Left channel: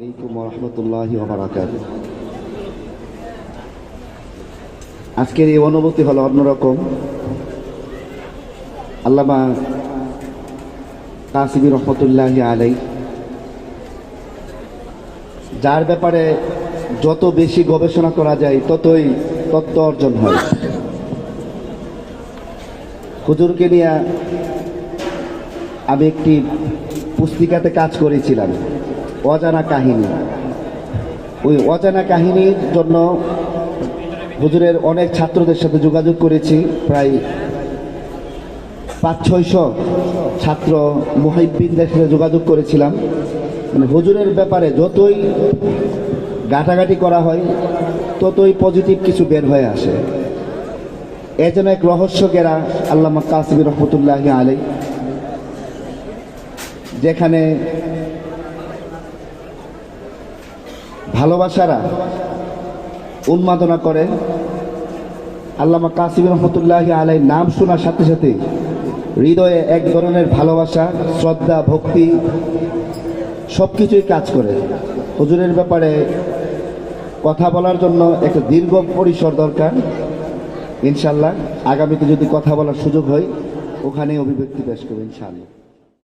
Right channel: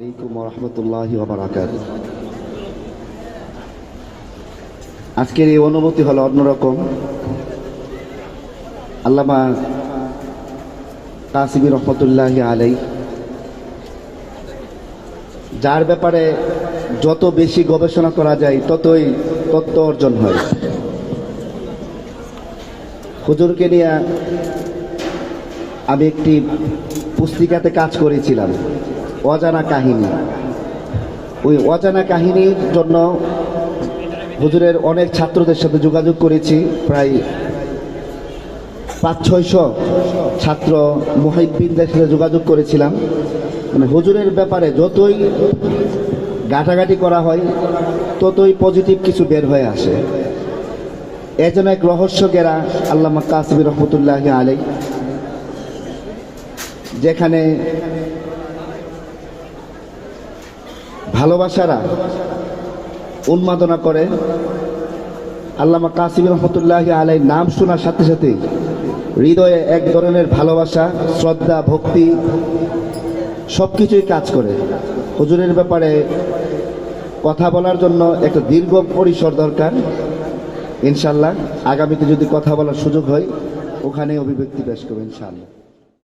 আলাইকুম ওয়া রাহমাতুল্লাহি ওয়া বারাকাতুহু। আজকের এই অনুভূতি হলো অন্যরকম। আল্লামা কাসিমি রহমতুল্লাহি আলাইহি, যার ব্যাপারে যত বেশি গবেষণা করা যায় ততই তত্ত্ব অর্জন হয়। হুজুরকে নিয়ে আমি একটি পুস্তিকাতে কাজ করেছিলাম, অজানা কাহিনী। ওই অজানা কাহিনীর জন্য হুজুরের অনেক ছাত্রদের সাথে যোগাযোগ করেছি। প্রায় 500-600 ছাত্র মুহিব্বিনদের সাথে যোগাযোগ করেছিলাম। মানে হুজুরের ব্যাপারে যতই ঘাটাঘাটি করা হয় ততই পজিটিভ কিছু বের হয়ে আসে। এ যেন এক রহস্য ঘেরা আল্লামা কাসিমি রহমতুল্লাহি আলাইহি, যেখানে ভালোবাসারা উন্মাদনা করে। আল্লামা কাসিমি রহমতুল্লাহি আলাইহির নাম শোনার সাথে সাথে হৃদয়ে এক ধরনের ভালোবাসা, শ্রদ্ধা, ভক্তি সবকিছুই কাজ করে। হুজুরের ব্যাপারে কথা বলার জন্য একটা দীর্ঘ পরিসর দরকার। ইনশাল্লাহ আগামীতে যদি কথা বলার সুযোগ হয় ওখানে অভিব্যক্তি পেশ করবো ইনশাআল্লাহ।